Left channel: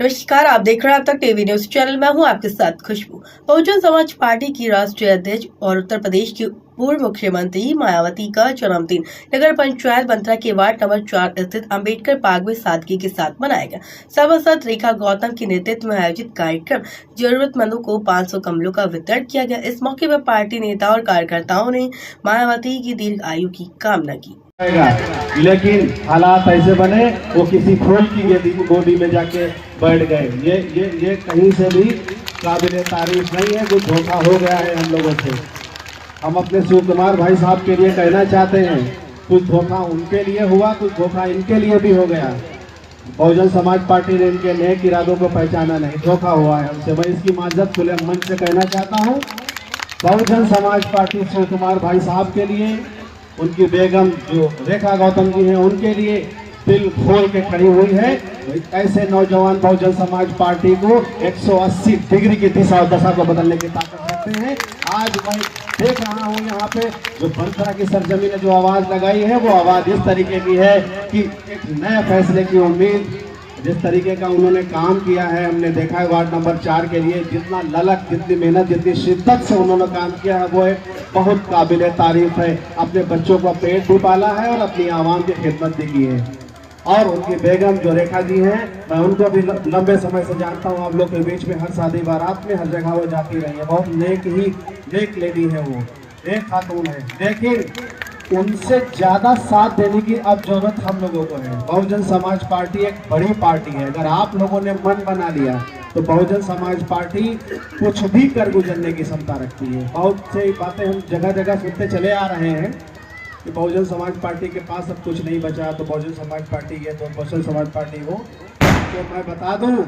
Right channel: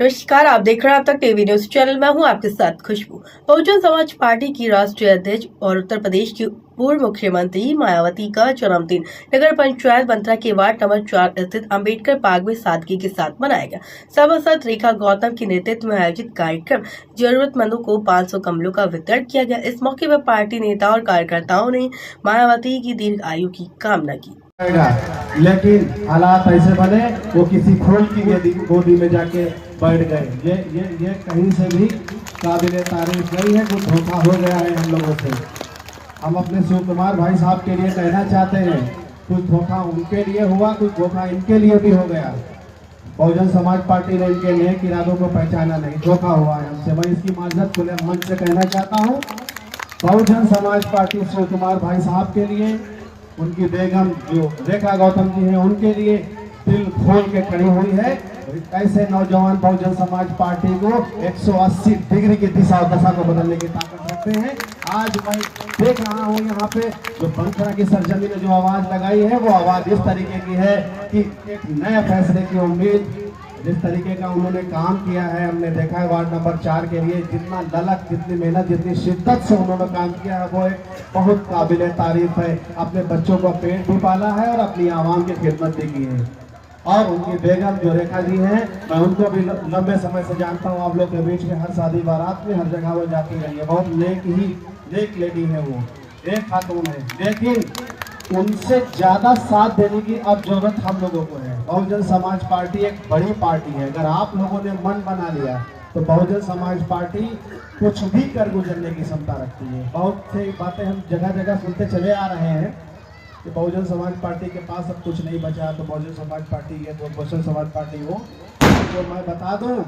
नमस्कार, आप देख रहे हैं अब तक टीवी न्यूज चैनल में हूं आपके साथ खुशबू। बहुजन समाज पार्टी की राष्ट्रीय अध्यक्ष और उत्तर प्रदेश की पूर्व मुख्यमंत्री मायावती का जन्मदिन नगर पंचायत बंतरा के वार्ड नंबर 4 स्थित अंबेडकर पार्क में सादगी के साथ मनाया गया। सभासद रेखा गौतम के नेतृत्व में आयोजित कार्यक्रम जरूरतमंदों को 500 कम्बलों का वितरण किया गया। इस मौके पर पार्टी नेता और कार्यकर्ताओं ने मायावती की दीर्घ आयु की कामना की। लेकिन हालात ऐसे बने वो किसी फूल की गोदी में जाके बैठ गए। ये कहीं से भी काबिल तारीफ नहीं है। कुछ धोखा हो गया है हम लोगों से। हम अपने शिव कुमार भाई साहब के लिए कहना चाहते हैं, कुछ धोखा उनके लिए हुआ, कुछ धोखा इनके लिए भी हो गया। बहुजन समाज पार्टी ने इनके नेक इरादों को पहचाना नहीं, धोखा हुआ है हमसे। मैं इसकी माजरत खुले मंच से कहना चाहता हूँ। बहुजन समाज पार्टी शिव कुमार भाई साहब के लिए, उनकी बेगम जो रेखा गौतम जी हैं, उनके लिए दिल खोल के खड़ी हुई है। ऐसे नौजवान बहुजन समाज पार्टी को 180 डिग्री की दिशा और दशा को बदलने की ताकत रखते हैं। आज मैं देख रहा हूँ यहाँ पे जो बंतरा की सरजमी ने जो आवाज लगाई है, वो आवाज इस तरीके की है कि एक नए फैसले की उम्मीद। जिस तरीके का उन्होंने काम किया है, हमने देखा है वार्ड नंबर 4 के लिए जितना ललक, जितनी मेहनत, जितनी शिद्दत से उन्होंने काम किया है, वो एक बहुत काबिल तारीफ है। अपने बच्चों का पेट भी पाला है और अपनी आवाम की खिदमत भी की है। और उनकी बेगम जो रेखा जी हैं, मैं उनको भी लंबे समय से जानता हूँ। आप लोग के बीच में हर शादी बारात में हर जगह वो जाती रही है। बहुत नेक लेडी है वो, एक खातून है। लेकिन उनसे ज्यादा साथ देने की अब जरूरत हम लोगों को है। बहुजन समाज पार्टी एक बड़ी पार्टी है। अगर आप लोगों ने मन बना लिया तो बहुजन समाज पार्टी कुछ भी कर गुजरने की क्षमता रखती है। बहुत से बातें हम जगह जगह सुनते चले आ रहे हैं कि बहुजन समाज पार्टी के पास अब कुछ नहीं बचा, तो बहुजन समाज पार्टी है, तो बहुजन समाज पार्टी वो। तो मैं बता दूं,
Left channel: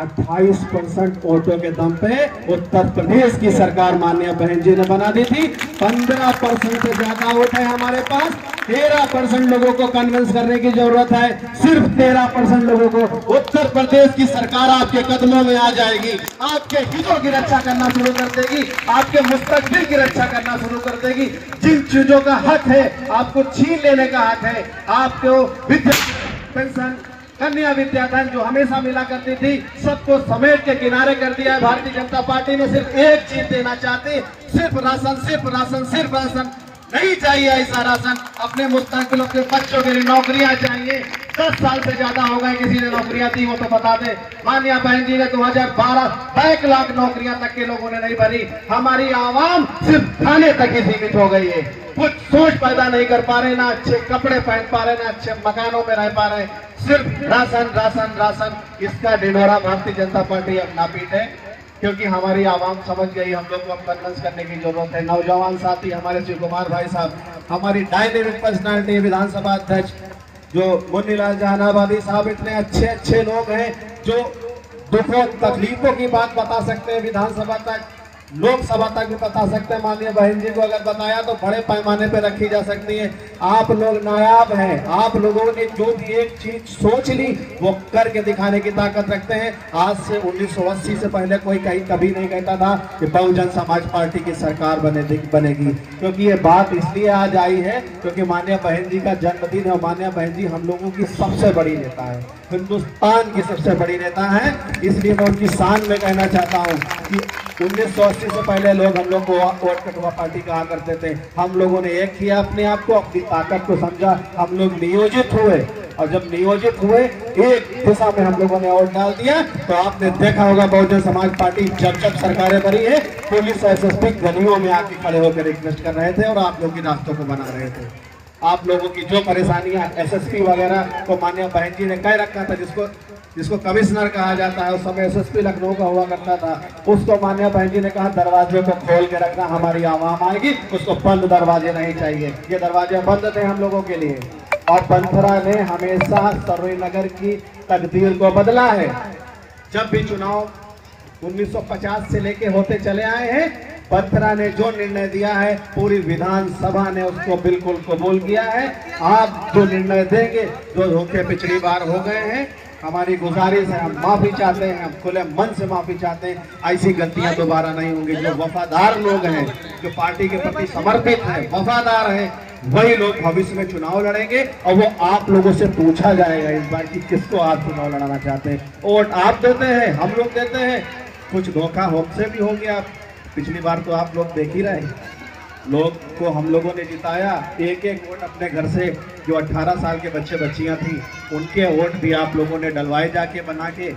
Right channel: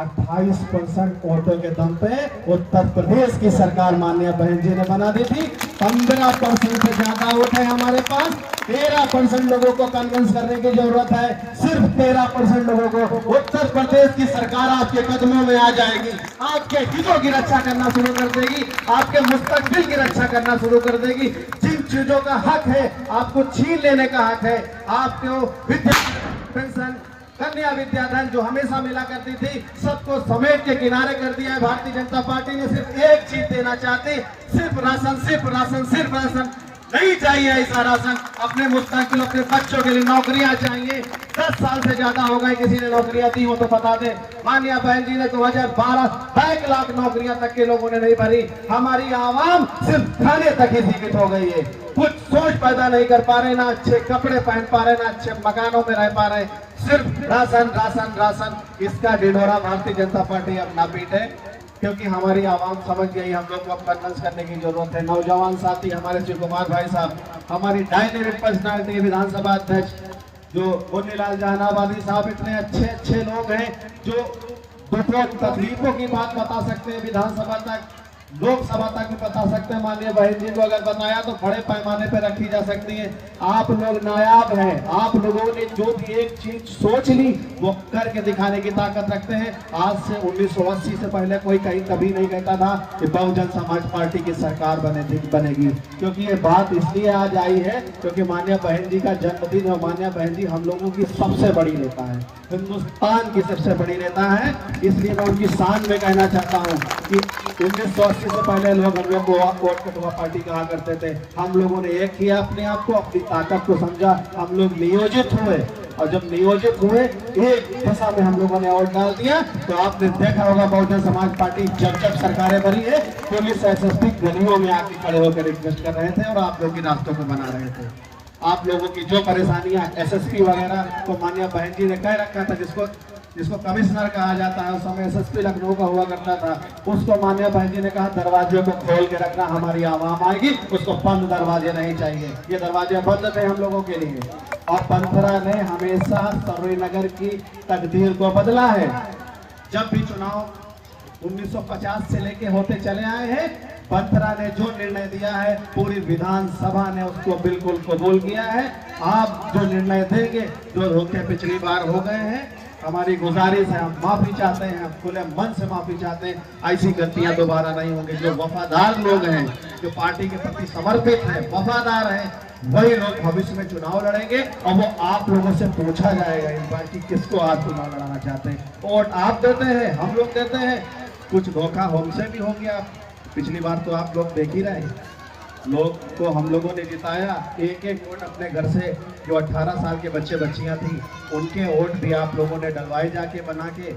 28% वोटों के दम पे उत्तर प्रदेश की सरकार माननीय बहन जी ने बना दी थी। 15% से ज्यादा वोट है हमारे पास। 13% लोगों को कन्विंस करने की जरूरत है। सिर्फ 13% लोगों को उत्तर प्रदेश की सरकार आपके कदमों में आ जाएगी, आपके हितों की रक्षा करना शुरू कर देगी, आपके मुस्तकबिल की रक्षा करना शुरू कर देगी। जिन चीजों का हक है आपको छीन लेने का हक है, आपको विद्या पेंशन, कन्या विद्याधन जो हमेशा मिला करती थी, सबको समेट के किनारे कर दिया है भारतीय जनता पार्टी ने। सिर्फ एक चीज देना चाहती, सिर्फ राशन, सिर्फ राशन, सिर्फ राशन। नहीं चाहिए ऐसा राशन। अपने मुस्तकबिल, अपने बच्चों के लिए नौकरियां चाहिए। 10 साल से ज्यादा हो गए किसी ने नौकरियां दी हो तो बता दे। माननीय बहन जी ने 2012 1 लाख नौकरियां तक के लोगों ने नहीं भरी। हमारी आवाम सिर्फ खाने तक ही सीमित हो गई है। कुछ सोच पैदा नहीं कर पा रहे, ना अच्छे कपड़े पहन पा रहे, ना अच्छे मकानों में रह पा रहे। सिर्फ राशन राशन राशन। इसका ढिंढोरा भारतीय जनता पार्टी अब ना पीटे, क्योंकि हमारी आवाम समझ गई। हम लोग को कन्विंस करने की जरूरत है। नौजवान साथी हमारे शिव कुमार भाई साहब, हमारी डायनेमिक पर्सनालिटी विधानसभा अध्यक्ष जो मुन्नीलाल जहानाबादी साहब, इतने अच्छे लोग हैं जो दुखों तकलीफों की बात बता सकते हैं, विधानसभा तक, लोकसभा तक भी बता सकते हैं। माननीय बहन जी को अगर बताया तो बड़े पैमाने पर रखी जा सकती है। आप लोग नायाब हैं। आप लोगों ने जो भी एक चीज सोच ली वो करके दिखाने की ताकत रखते हैं। आज से 1980 से पहले कोई कभी नहीं कहता था कि बहुजन समाज पार्टी की सरकार बनेगी, क्योंकि ये बात इसलिए आज आई है क्योंकि माननीय बहन जी का जन्मदिन है। माननीय बहन जी हम लोगों की सबसे बड़ी नेता है, हिंदुस्तान की सबसे बड़ी नेता है। इसलिए मैं उनकी शान में कहना चाहता हूँ कि 1980 से पहले लोग हम लोग को वोट के पार्टी कहा करते थे। हम लोगों ने एक किया, अपने आप को, अपनी ताकत को समझा। हम लोग नियोजित हुए, और जब नियोजित हुए एक दिशा में हम लोगों ने वोट डाल दिया। तो आपने देखा होगा बहुजन समाज पार्टी जब सरकारें बनी है, पुलिस एसएसपी गलियों में आके खड़े होकर रिक्वेस्ट कर रहे थे और आप लोग की रास्तों को बना रहे थे। आप लोगों की जो परेशानियां एसएसपी वगैरह को माननीय बहन जी ने कह रखा था, जिसको कमिश्नर कहा जाता है, उस समय एसएसपी लखनऊ का हुआ करता था, उसको माननीय बहन जी ने कहा दरवाजे को खोल के रखना, हमारी आवाम आएगी, उसको बंद दरवाजे नहीं चाहिए। ये दरवाजे बंद थे हम लोगों के लिए। और बंतरा ने हमेशा सरोई नगर की तकदीर को बदला है। जब भी चुनाव 1950 से लेके होते चले आए हैं, बंतरा ने जो निर्णय दिया है पूरी विधानसभा ने उसको बिल्कुल कबूल किया है। आप जो निर्णय देंगे, जो रोके पिछली बार हो गए हैं, हमारी गुजारिश है, हम माफी चाहते हैं, हम खुले मन से माफी चाहते हैं। ऐसी गलतियां दोबारा नहीं होंगी। जो वफादार लोग हैं, जो पार्टी के प्रति समर्पित हैं, वफादार हैं, वही लोग भविष्य में चुनाव लड़ेंगे और वो आप लोगों से पूछा जाएगा इस बार कि किसको आप चुनाव लड़ाना चाहते हैं। वोट आप देते हैं, हम लोग देते हैं, कुछ धोखा हमसे भी हो गया। पिछली बार तो आप लोग देख ही रहे, लोग को हम लोगों ने जिताया, एक एक वोट अपने घर से जो 18 साल के बच्चे बच्चियां थी उनके वोट भी आप लोगों ने डलवाए जाके बना के।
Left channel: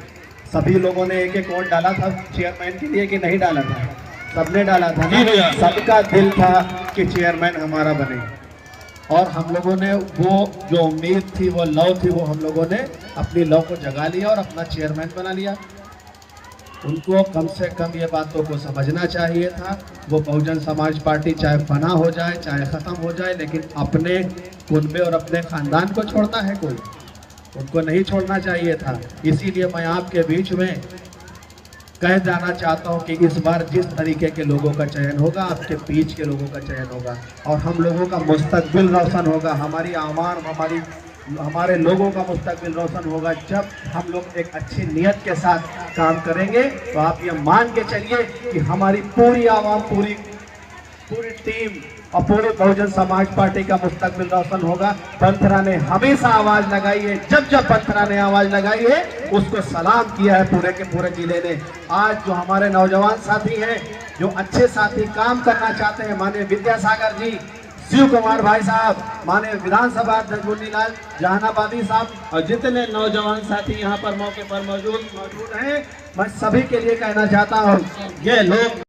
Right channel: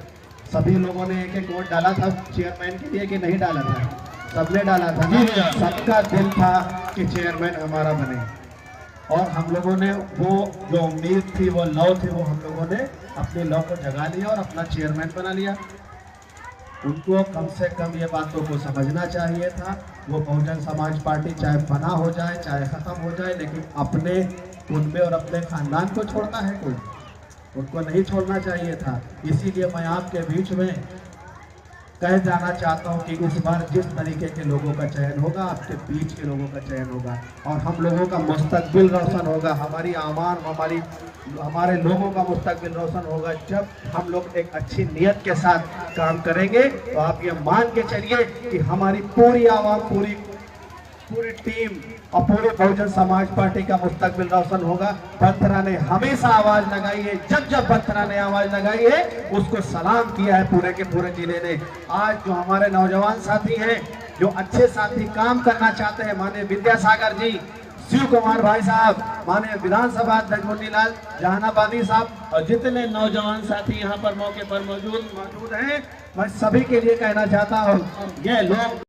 सभी लोगों ने एक एक वोट डाला था चेयरमैन के लिए कि नहीं डाला था? सबने डाला था। सबका दिल था कि चेयरमैन हमारा बने और हम लोगों ने वो जो उम्मीद थी, वो लव थी, वो हम लोगों ने अपनी लव को जगा लिया और अपना चेयरमैन बना लिया। उनको कम से कम ये बातों को समझना चाहिए था। वो बहुजन समाज पार्टी चाहे फना हो जाए, चाहे खत्म हो जाए, लेकिन अपने कुनबे और अपने खानदान को छोड़ना है कोई, उनको नहीं छोड़ना चाहिए था। इसीलिए मैं आपके बीच में कह जाना चाहता हूं कि इस बार जिस तरीके के लोगों का चयन होगा, आपके बीच के लोगों का चयन होगा और हम लोगों का मुस्तकबिल रोशन होगा। हमारी आवाम, हमारे लोगों का मुस्तकबिल रोशन होगा जब हम लोग एक अच्छी नियत के साथ काम करेंगे। तो आप ये मान के चलिए कि हमारी पूरी आवाम, पूरी टीम और पूरी बहुजन समाज पार्टी का मुस्तकबिल रोशन होगा। बंथरा ने हमेशा आवाज लगाई है, जब जब बंथरा ने आवाज लगाई है उसको सलाम किया है पूरे के पूरे जिले ने। आज जो हमारे नौजवान साथी हैं, जो अच्छे साथी काम करना चाहते हैं, माननीय विद्यासागर जी, शिव कुमार भाई साहब, माननीय विधानसभा अध्यक्ष मोतीलाल जहानाबादी साहब और जितने नौजवान साथी यहाँ पर मौके पर मौजूद हैं, मैं सभी के लिए कहना चाहता हूँ, ये लोग